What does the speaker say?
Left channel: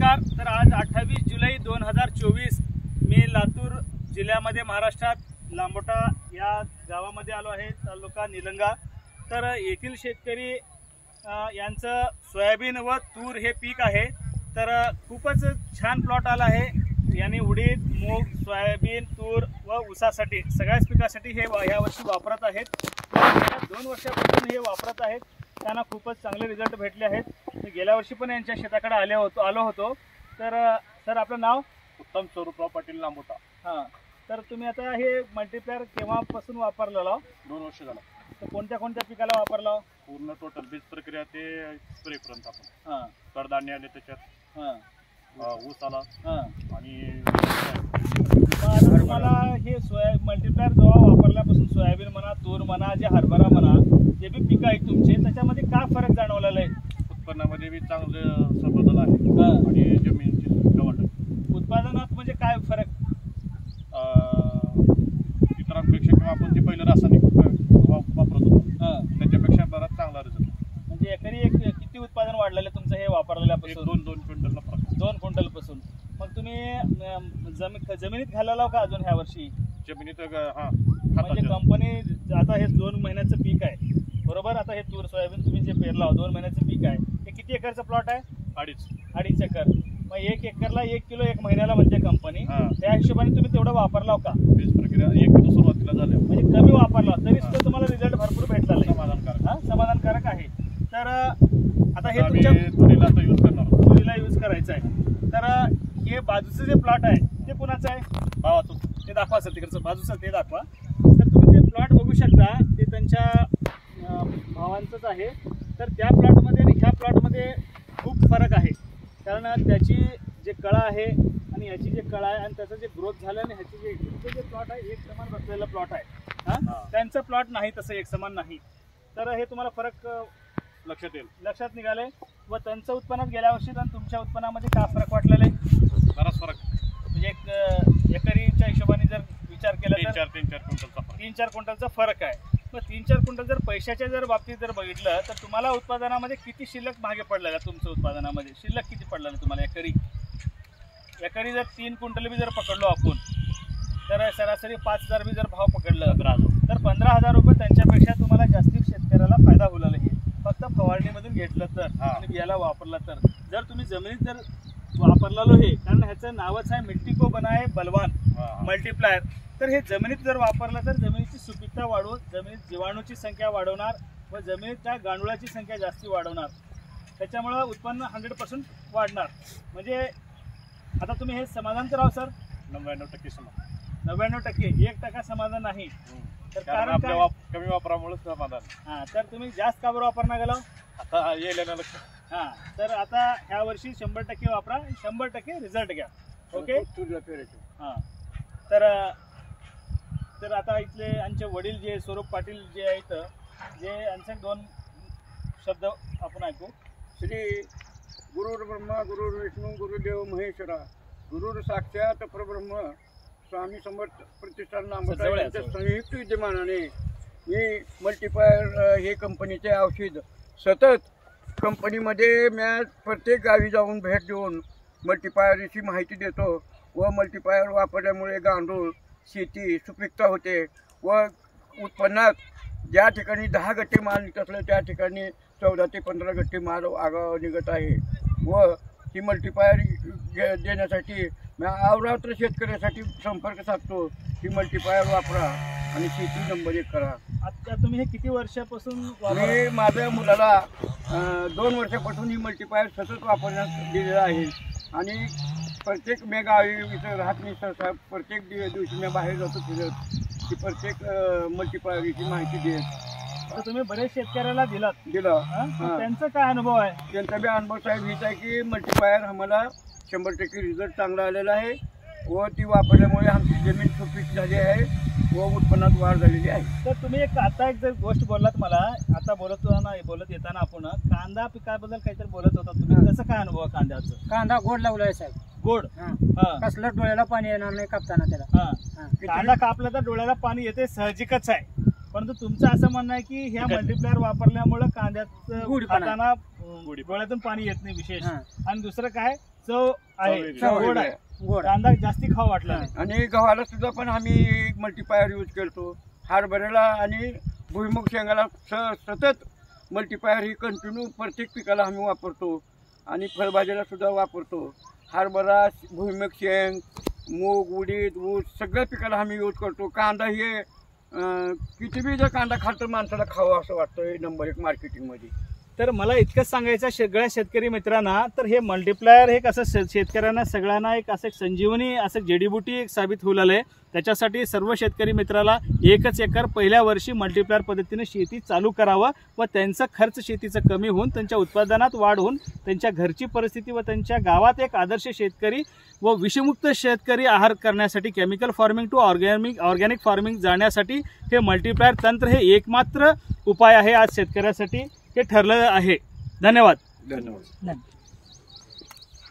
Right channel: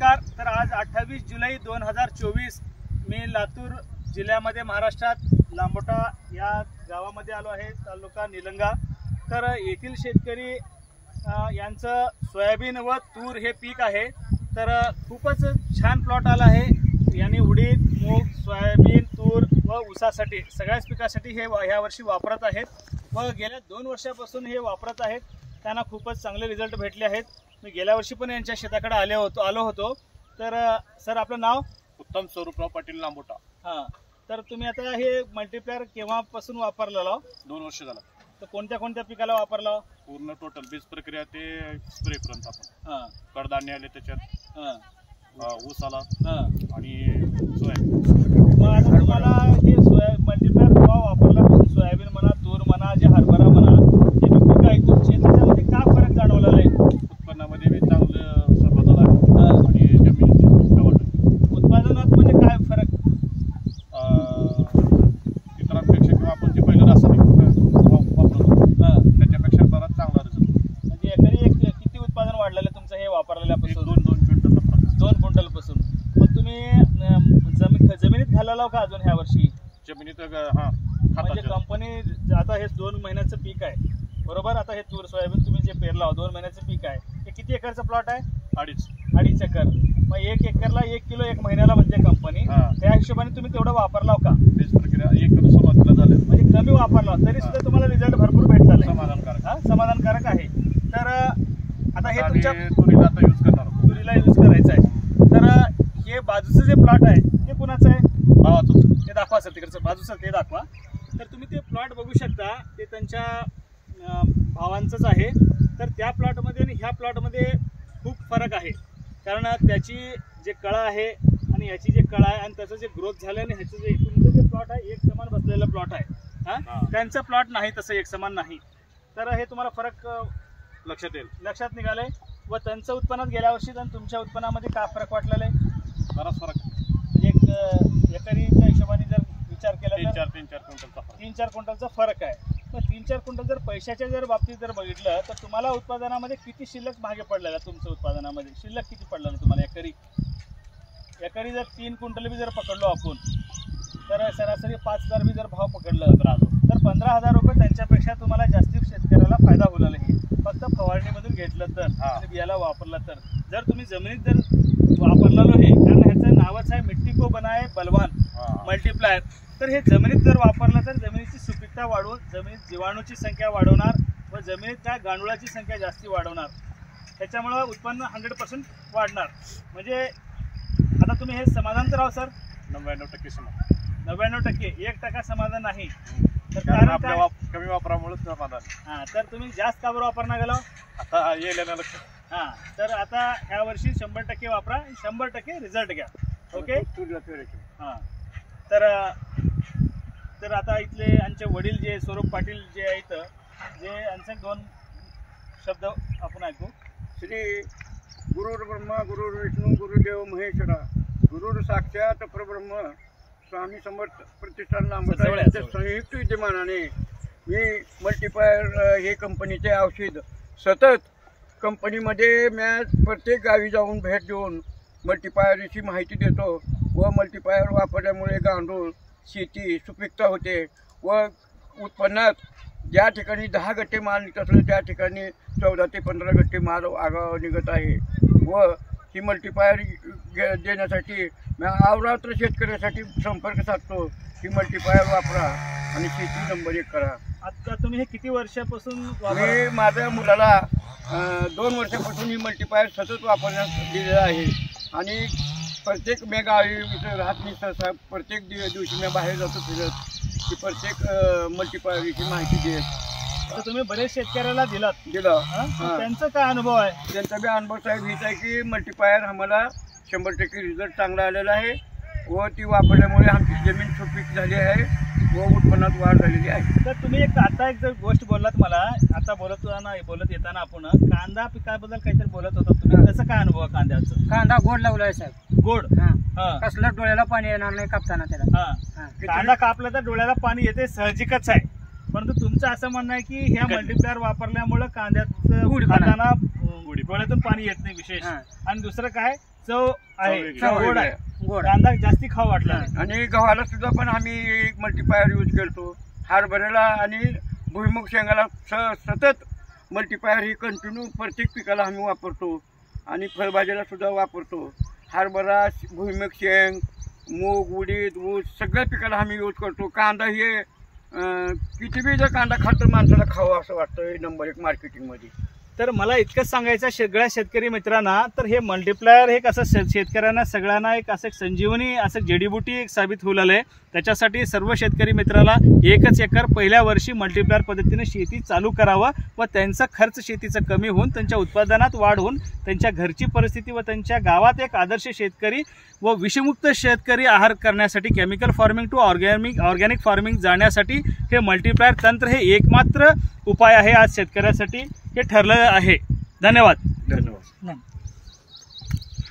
नमस्कार। तर आज 28 जुलै 2024 मी लातूर जिल्ह्यामध्ये महाराष्ट्रात लांबोटा या गावामध्ये आलो आहे, तालुका निलंगा। तर येथील शेतकरी यांचं सोयाबीन व तूर हे पीक आहे। तर खूपच छान प्लॉट आला आहे। यांनी उडीद, मूग, सोयाबीन, तूर व ऊसासाठी सगळ्याच पिकासाठी हे यावर्षी वापरत आहेत व गेल्या 2 वर्षापासून हे वापरत आहेत। त्यांना खूपच चांगले रिझल्ट भेटले आहेत। मी गेल्या वर्षी पण यांच्या शेताकडे आलो होतो। तर सर, आपलं नाव? उत्तम स्वरूपराव पाटील, लांबोटा। हां, तर तुम्ही आता हे मल्टीप्लायर केव्हापासून वापरलेलं? 2 वर्ष झालं। तर कोणत्या कोणत्या पिकाला वापरलं? पूर्ण टोटल बीज प्रक्रिया ते स्प्रे पर्यंत आपण। हां, कडधान्य आले त्याच्यात, हां, ऊस आला हां। आणि मग आता तुम्हाला हे मल्टीप्लायर केव्हा वापरल्यापासून सोयाबीन म्हणा, तूर म्हणा, जे हरभरा म्हणा, जे बी पिकं आहेत तुमचे, त्याच्यामध्ये काय फरक जाणवलेला आहे? उत्पन्नामध्ये बी चांगलं बदल आहे आणि जमिनीची सुपीकता वाढली। उत्पादनात म्हणजे काय फरक? इतरांपेक्षा किंवा आपण जे पहिलं रासायनिक वापरत होतो त्याच्यापेक्षा बराच चांगला रिझल्ट। म्हणजे एकरी किती उत्पादन वाढलेलं आहे तुमचं हे वापरलेल्यापासून? 2 क्विंटलला फरक। 2 क्विंटलपासून। मग तुम्ही जमिनीत घालावं का अजून ह्या वर्षी? जमिनीत म्हणजे कंपनी आता हे 2 महिन्याचं पीक आहे बरोबर। आता हे तूर सोयाबीन तुम्ही जे पेरला 2 महिन्याचं पीक आहे, हे किती एकरचं प्लॉट आहे? 2.5 एकर। मग 1 एकरला 1 किलो 1 महिन्याला म्हणजे कंपनी, त्या हिशोबाने तुम्ही तेवढं वापरलाव का? बीज प्रक्रिया 1 किलो सुरुवातीला झाल्या, म्हणजे कमी वापरला तरी सुद्धा तुम्हाला रिझल्ट भरपूर भेटला आहे? समाधानकारक। समाधानकारक आहे। तर आता हे तुमच्या तुरीला आता यूज करणार, तुरीला यूज करायचं आहे। तर हे बाजूचं जे प्लॉट आहे ते कुणाचं आहे? भावाचं। ते दाखवा सर, तिकडचं बाजूचं ते दाखवा। तर तुम्ही ते प्लॉट बघू शकता, ते त्यांच्या भावांचंच आहे। तर त्या प्लॉटमध्ये आणि ह्या प्लॉटमध्ये खूप फरक आहे, कारण त्याची जे कळा आहे आणि ह्याची जे कळा आहे आणि त्याचं जे ग्रोथ झालं आणि ह्याचं जे तुमचं जे प्लॉट आहे एक समान बसलेला प्लॉट आहे, त्यांचं प्लॉट नाही तसं एक समान नाही। तर हे तुम्हाला फरक लक्षात निघालंय। व त्यांचं उत्पन्नात गेल्या वर्षी आणि तुमच्या उत्पन्नामध्ये काय फरक वाटलेला आहे? बराच फरक। म्हणजे एकरीच्या हिशोबाने जर विचार केला तर 3-4 क्विंटलचा फरक आहे। मग 3-4 क्विंटल जर पैशाच्या बाबतीत जर बघितलं तर तुम्हाला उत्पादनामध्ये किती शिल्लक मागे पडलेला? तुमचं उत्पादनामध्ये शिल्लक किती पडलेलं तुम्हाला एकरी जर 3 क्विंटल बी जर पकडलो आपण, तर सरासरी 5,000 बी जर भाव पकडलं तर 15,000 रुपये त्यांच्यापेक्षा तुम्हाला जास्ती शेतकऱ्याला फायदा होईल हे, फक्त फवारणीमधून घेतलं तर आणि बियाला वापरलं तर। जर तुम्ही जमिनीत जर वापरलेलो हे, कारण ह्याचं नावच आहे मिट्टी को बनाए बलवान मल्टीप्लायर। तर हे जमिनीत जर वापरलं तर जमिनीची सुपीकता वाढवून जमिनीत जीवाणूची संख्या वाढवणार व जमिनीत त्या गांडुळाची संख्या जास्ती वाढवणार, त्याच्यामुळं उत्पन्न 100% वाढणार। म्हणजे आता तुम्ही हे समाधान करावं सर? 99% समाधान। 99%, 1% समाधान नाही। तर कारण आपल्या कमी वापरामुळे समाधान। हां, तर तुम्ही जास्त का बरं वापरणार गेलो? आता येईल ना लक्ष। हां, तर आता ह्या वर्षी 100% वापरा, 100% रिझल्ट घ्या। ओके। हां, तर आता इथले आमचे वडील जे स्वरूप पाटील जे आहेत, जे यांचे 2 शब्द आपण ऐकू। श्री गुरुर् ब्रह्मा गुरुर् विष्णू गुरुदेव महेश्वरा, गुरुर् साक्षात परब्रह्म, स्वामी समर्थ प्रतिष्ठान लांबोटा यांच्या संयुक्त विद्यमानाने मी मल्टीप्लायर हे कंपनीचे औषध सतत कंपनीमध्ये मी प्रत्येक गावी जाऊन भेट देऊन मल्टीप्लायरची माहिती देतो व मल्टीप्लायर वापरल्यामुळे गांडूळ, शेती सुपीकता होते व उत्पन्नात ज्या ठिकाणी 10 गट्टे माल निघत असले त्या ठिकाणी 14 ते 15 गट्टे माल आगाव निघत आहे। व ही मल्टीप्लायर देण्यासाठी मी अवरात्र शेतकऱ्यासाठी संपर्क साधतो की मल्टीप्लायर वापरा आणि शेती नंबर 1 करा। आता तुम्ही हे किती वर्षापासून मी माझ्या मुलाला 2 वर्षापासून ही मल्टीप्लायर सतत वापरण्यास दिलेलं आहे आणि प्रत्येक मी गावी इथं राहत नाही, सहसा प्रत्येक दिवशी मी बाहेर जातो फिरत की प्रत्येक मल्टीप्लायरची माहिती देत। तर तुम्ही बरेच शेतकऱ्याला दिलं, त्यांचा काय अनुभव आहे? त्यांचा बी अनुभव साहेब हीच आहे की मल्टीप्लायर आम्हाला 100% रिझल्ट चांगला आलेला आहे व ती वापरल्यामुळे आमची जमीन सुपीक झाली आहे व उत्पन्नात वाढ झालेली आहे। तर तुम्ही आता एक जर गोष्ट बोललात मला, आता बोलत येताना आपण कांदा पिकाबद्दल काहीतरी बोलत होता तुम्ही, त्याचा काय अनुभव आहे कांद्याचं? कांदा गोड लावलाय साहेब, गोड। कसलं डोळ्याला पाणी येणार नाही कापताना त्याला। कांदा कापला तर डोळ्याला पाणी येते, साहजिकच आहे। परंतु तुमचं असं म्हणणं आहे की ह्या मल्टीप्लायर वापरल्यामुळे कांद्याचं खाताना डोळ्यातून पाणी येत नाही विशेष, आणि दुसरं काय चव आहे, चव गोड आहे, गोड कांदा जास्ती खाऊ वाटला नाही. आणि गव्हाला सुद्धा पण आम्ही मल्टीप्लायर यूज करतो. हरभऱ्याला आणि भुईमुग शेंगाला सतत मल्टीप्लायर ही कंटिन्यू प्रत्येक पिकाला आम्ही वापरतो. आणि फळभाज्याला सुद्धा वापरतो. हरभरा, भुईमुग शेंग, मूग, उडीद, ऊस सगळ्या पिकाला आम्ही यूज करतो. कांदा हे किती बी जर कांदा खात तर माणसाला खावं असं वाटतं नंबर 1 मार्केटिंगमध्ये. तर मला इतकंच सांगायचं सगळ्या शेतकरी मित्रांना, तर हे मल्टीप्लायर हे कसं शेतकऱ्यांना सगळ्यांना एक असं संजीवनी असं जडीबुटी एक साबित होऊ लागलंय. त्याच्यासाठी सर्व शेतकरी मित्राला 1 एकर पहिल्या वर्षी मल्टीप्लायर पद्धतीने शेती चालू करावं व त्यांचा खर्च शेतीचा कमी होऊन त्यांच्या उत्पादनात वाढ होऊन त्यांच्या घरची परिस्थिती व त्यांच्या गावात एक आदर्श शेतकरी व विषमुक्त शेतकरी आहार करण्यासाठी chemical farming to organic farming जाण्यासाठी हे मल्टीप्लायर तंत्र हे एकमात्र उपाय आहे आज शेतकऱ्यासाठी हे ठरलं आहे. धन्यवाद. धन्यवाद. नाही